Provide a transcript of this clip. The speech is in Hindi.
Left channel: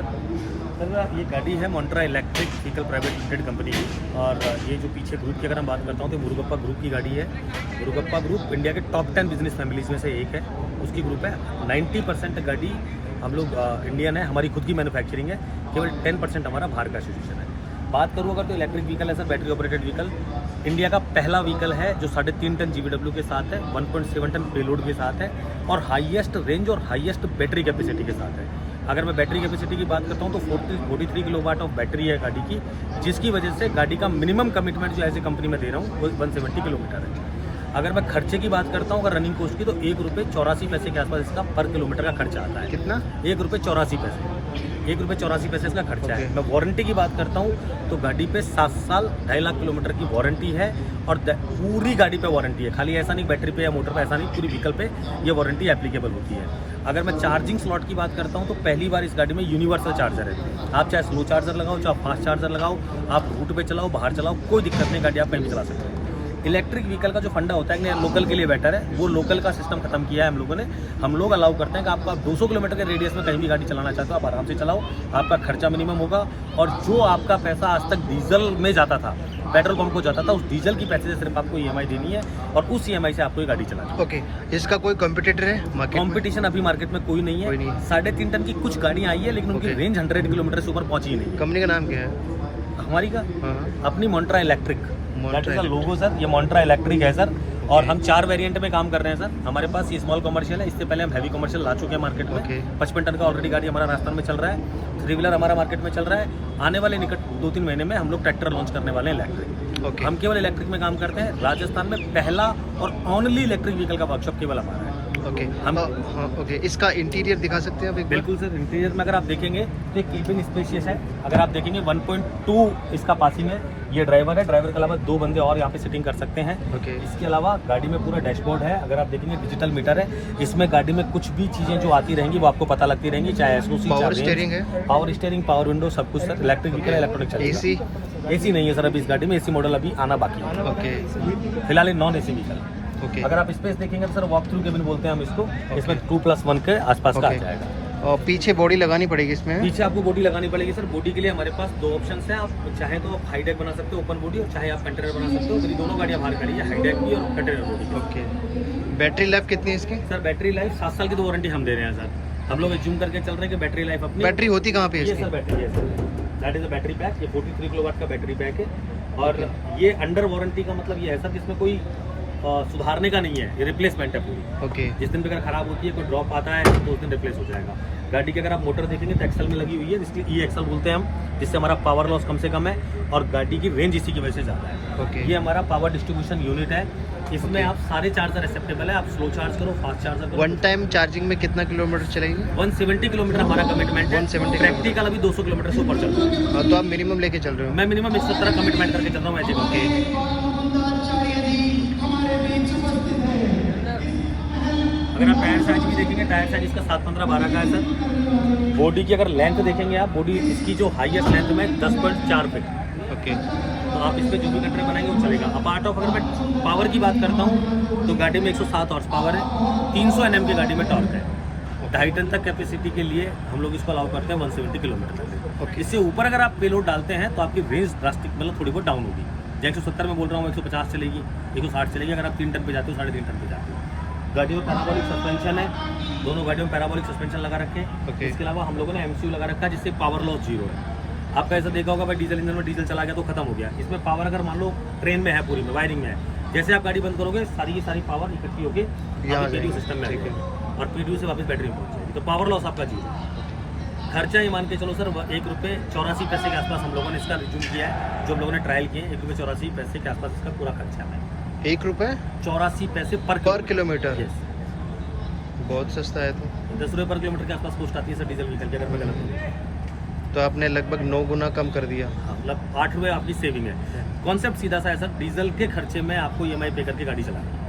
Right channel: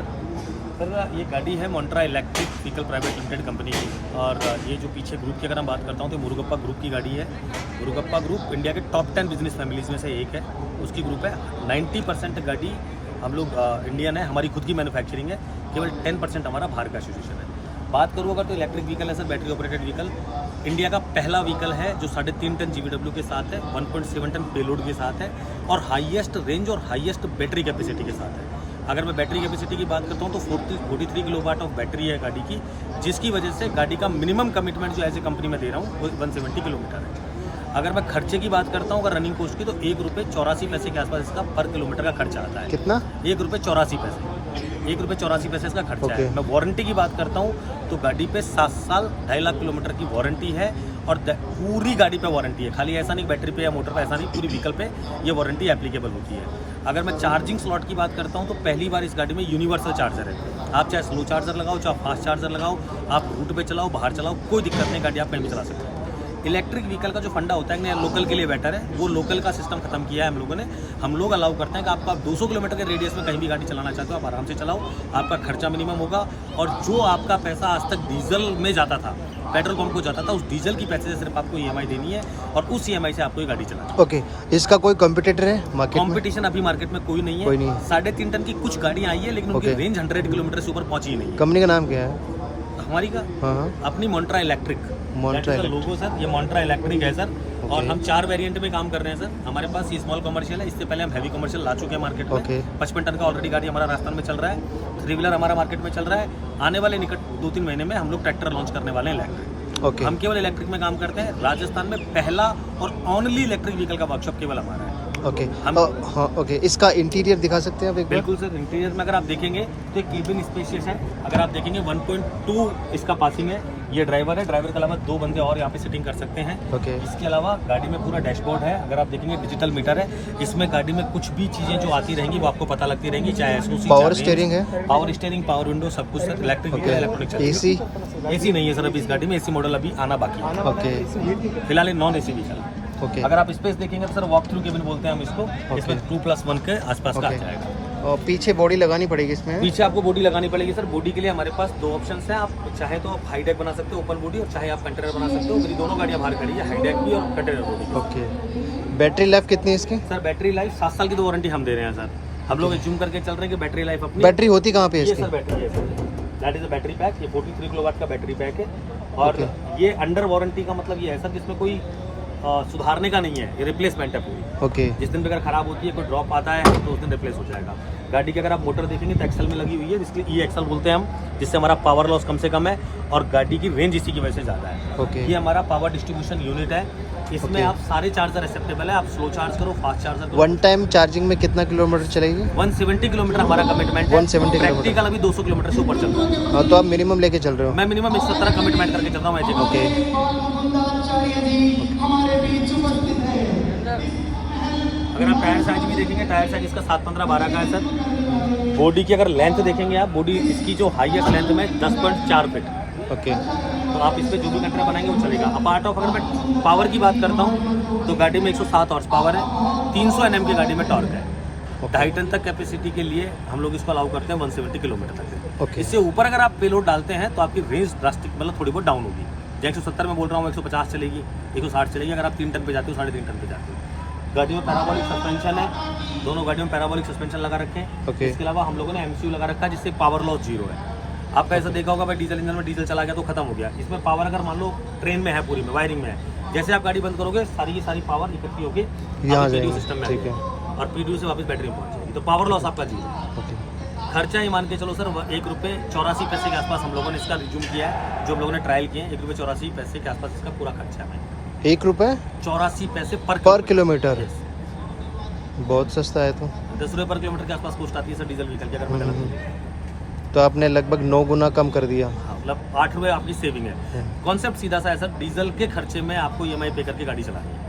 सर ये गाड़ी है Montra electric vehicle private limited company की, और ये जो पीछे ग्रुप की अगर हम बात करता हूँ तो मुरुगप्पा ग्रुप की गाड़ी है। मुरुगप्पा ग्रुप इंडिया के टॉप 10 बिजनेस फैमिलीज में से एक है, उसकी ग्रुप है। 90% गाड़ी हम लोग इंडियन है, हमारी खुद की मैन्युफैक्चरिंग है, केवल 10% हमारा बाहर का एसोसिएशन है। बात करूँ अगर तो इलेक्ट्रिक व्हीकल है sir, battery operated vehicle India का पहला व्हीकल है जो 3.5 टन GVW के साथ है, 1.7 टन पेलोड के साथ है, और हाईएस्ट रेंज और हाईएस्ट बैटरी कैपेसिटी के साथ है। अगर मैं बैटरी कैपेसिटी की बात करता हूँ तो 43 किलोवाट ऑफ बैटरी है गाड़ी की, जिसकी वजह से गाड़ी का मिनिमम कमिटमेंट जो एज ए कंपनी में दे रहा हूँ वो 170 किलोमीटर है। अगर मैं खर्चे की बात करता हूँ अगर रनिंग कॉस्ट की, तो ₹1.84 के आसपास इसका पर किलोमीटर का खर्चा आता है। कितना? ₹1.84 इसका खर्चा है। मैं वारंटी की बात करता हूँ तो गाड़ी पे 7 साल 2.5 लाख किलोमीटर की वारंटी है, और पूरी गाड़ी पे वारंटी है, खाली ऐसा नहीं बैटरी पे या मोटर पे, ऐसा नहीं, पूरी व्हीकल पे ये वारंटी एप्लीकेबल होती है। अगर मैं चार्जिंग स्लॉट की बात करता हूँ तो पहली बार इस गाड़ी में यूनिवर्सल चार्जर है। आप चाहे स्लो चार्जर लगाओ, चाहे फास्ट चार्जर लगाओ, आप रूट पे चलाओ, बाहर चलाओ, कोई दिक्कत नहीं, गाड़ी आप कहीं भी चला सकते हो। इलेक्ट्रिक व्हीकल का जो फंडा होता है कि लोकल के लिए बेटर है, वो लोकल का सिस्टम खत्म किया है हम लोगों ने। हम लोग अलाउ करते हैं कि आपको आप 200 किलोमीटर के रेडियस में कहीं भी गाड़ी चलाना चाहते हो आप आराम से चलाओ, आपका खर्चा मिनिमम होगा, और जो आपका पैसा आज तक डीजल में जाता था, पेट्रोल पंप को जाता था, उस डीजल की पैसे से सिर्फ आपको EMI देनी है, और उस EMI से आपको ये गाड़ी चलानी है। ओके, इसका कोई कॉम्पिटिटर है मार्केट में? कॉम्पिटिशन अभी मार्केट में कोई नहीं है। 3.5 टन की कुछ गाड़ियाँ आई है, लेकिन उनकी रेंज 100 किलोमीटर से ऊपर पहुंची ही नहीं है। कंपनी का नाम क्या है हमारी का अपनी मोन्ट्रा इलेक्ट्रिक लोगो सर, ये मोन्ट्रा इलेक्ट्रिक है सर। और हम 4 वेरिएंट में काम कर रहे हैं सर। हमारे पास ये स्मॉल कमर्शियल है, इससे पहले हम हैवी कमर्शियल ला चुके हैं मार्केट में। 55 टन का ऑलरेडी गाड़ी हमारा राजस्थान में चल रहा है, 3 व्हीलर हमारा मार्केट में चल रहा है। आने वाले निकट 2-3 महीने में हम लोग ट्रैक्टर लॉन्च करने वाले हैं इलेक्ट्रिक। हम केवल इलेक्ट्रिक में काम करते हैं। राजस्थान में पहला और ओनली इलेक्ट्रिक व्हीकल का वर्कशॉप केवल हमारा है। ओके, इसका इंटीरियर दिखा सकते हैं आप एक बार? बिल्कुल सर, इंटीरियर में अगर आप देखेंगे तो केबिन स्पेशियस है। अगर आप देखेंगे 1.2 इसका पासिंग है। ये ड्राइवर है, ड्राइवर के अलावा 2 बंदे और यहाँ पे सिटिंग कर सकते हैं। इसके अलावा गाड़ी में पूरा डैशबोर्ड है। अगर आप देखेंगे डिजिटल मीटर है, इसमें गाड़ी में कुछ भी चीजें जो आती रहेंगी वो आपको पता लगती रहेंगी, चाहे SOC, पावर स्टीयरिंग है, पावर स्टीयरिंग, पावर विंडो, सब कुछ सर। इलेक्ट्रिक व्हीकल इलेक्ट्रॉनिक चलेगा। AC नहीं है सर अभी इस गाड़ी में, AC मॉडल अभी आना बाकी है। फिलहाल नॉन AC व्हीकल। अगर आप स्पेस देखेंगे तो सर वॉक थ्रू केबिन बोलते हैं हम इसको। इसमें 2+1 के आसपास का आ जाएगा। और पीछे बॉडी लगानी पड़ेगी इसमें? पीछे आपको बॉडी लगानी पड़ेगी सर। बॉडी के लिए हमारे पास 2 ऑप्शंस हैं। आप चाहे तो हाई डेक बना सकते हो ओपन बॉडी, और चाहे आप कंटेनर बना सकते हो। मेरी दोनों गाड़ियां बाहर खड़ी है, हाई डेक भी और कंटेनर बॉडी। बैटरी लाइफ कितनी है इसकी? सर बैटरी लाइफ 7 साल की तो वारंटी हम दे रहे हैं सर। हम लोग एज्यूम करके चल रहे हैं कि बैटरी लाइफ अपनी। बैटरी होती कहाँ पे? ये सर बैटरी है sir, that is a battery pack. ये 43 किलोवाट का बैटरी पैक है, और ये अंडर वारंटी का मतलब ये है सर जिसमें कोई सुधारने का नहीं है, ये रिप्लेसमेंट है पूरी। जिस दिन भी अगर खराब होती है, कोई ड्रॉप आता है तो उस दिन रिप्लेस हो जाएगा। गाड़ी की अगर आप मोटर देखेंगे तो एक्सल में लगी हुई है, जिसके E-एक्सल बोलते हैं हम, जिससे हमारा पावर लॉस कम से कम है, और गाड़ी की रेंज इसी की वजह से ज़्यादा है। ये हमारा पावर डिस्ट्रीब्यूशन यूनिट है। इसमें आप सारे चार्जर एक्सेप्टेबल है। आप स्लो चार्ज करो, फास्ट चार्जर करो। 1 टाइम चार्जिंग में कितना किलोमीटर चलेगी? 170 किलोमीटर हमारा कमिटमेंट है। 170 प्रैक्टिकल अभी 200 किलोमीटर से ऊपर चल रहा है। तो आप मिनिमम लेके चल रहे हो? मैं मिनिमम 170 कमिटमेंट करके चल रहा हूँ। अगर आप टायर साइज भी देखेंगे, टायर साइज इसका 7.15-12 का है सर। बॉडी की अगर लेंथ देखेंगे आप, बॉडी इसकी जो हाईएस्ट लेंथ में 10.4 फीट। तो आप इस पर जो भी कंटेनर बनाएंगे वो चलेगा। अपार्ट ऑफ अगर मैं पावर की बात करता हूँ तो गाड़ी में 107 हॉर्स पावर है, 300 Nm की गाड़ी में टॉर्क है। 2.5 टन तक कैपेसिटी के लिए हम लोग इसको अलाउ करते हैं 170 किलोमीटर तक। इससे ऊपर अगर आप पेलोड डालते हैं तो आपकी रेंज ड्रास्टिक मतलब थोड़ी बहुत डाउन होगी। जो 170 में बोल रहा हूँ 150 चलेगी, 160 चलेगी। अगर आप 3 टन पे जाते हो, 3.5 टन पे जाते हो। गाड़ी में पैराबोलिक सस्पेंशन है, दोनों गाड़ियों में पैराबोलिक सस्पेंशन लगा रखे हैं। इसके अलावा हम लोगों ने MCU लगा रखा है, जिससे पावर लॉस 0 है। आपका ऐसा देखा होगा भाई, डीजल इंजन में डीजल चला गया तो खत्म हो गया। इसमें पावर अगर मान लो ट्रेन में है, पूरी में वायरिंग में है, जैसे आप गाड़ी बंद करोगे सारी की सारी पावर इकट्ठी होगी PDU सिस्टम में आएगी, और PDU से वापस बैटरी में पहुंच जाएगी। तो पावर लॉस आपका 0। खर्चा ये मान के चलो सर ₹1.84 के आसपास हम लोगों ने इसका रिज्यूम किया है। जो हम लोगों ने ट्रायल किए हैं, ₹1.84 के आसपास इसका पूरा खर्चा है। ₹1.84 पर किलोमीटर? बहुत सस्ता है। तो 10 रुपये पर किलोमीटर के आसपास कॉस्ट आती है सर डीजल व्हीकल की, अगर मैं गलत। तो आपने लगभग 9 गुना कम कर दिया। हाँ, मतलब 8 रुपये आपकी सेविंग है। कॉन्सेप्ट सीधा सा है सर, डीजल के खर्चे में आपको EMI पे करके गाड़ी चलानी है।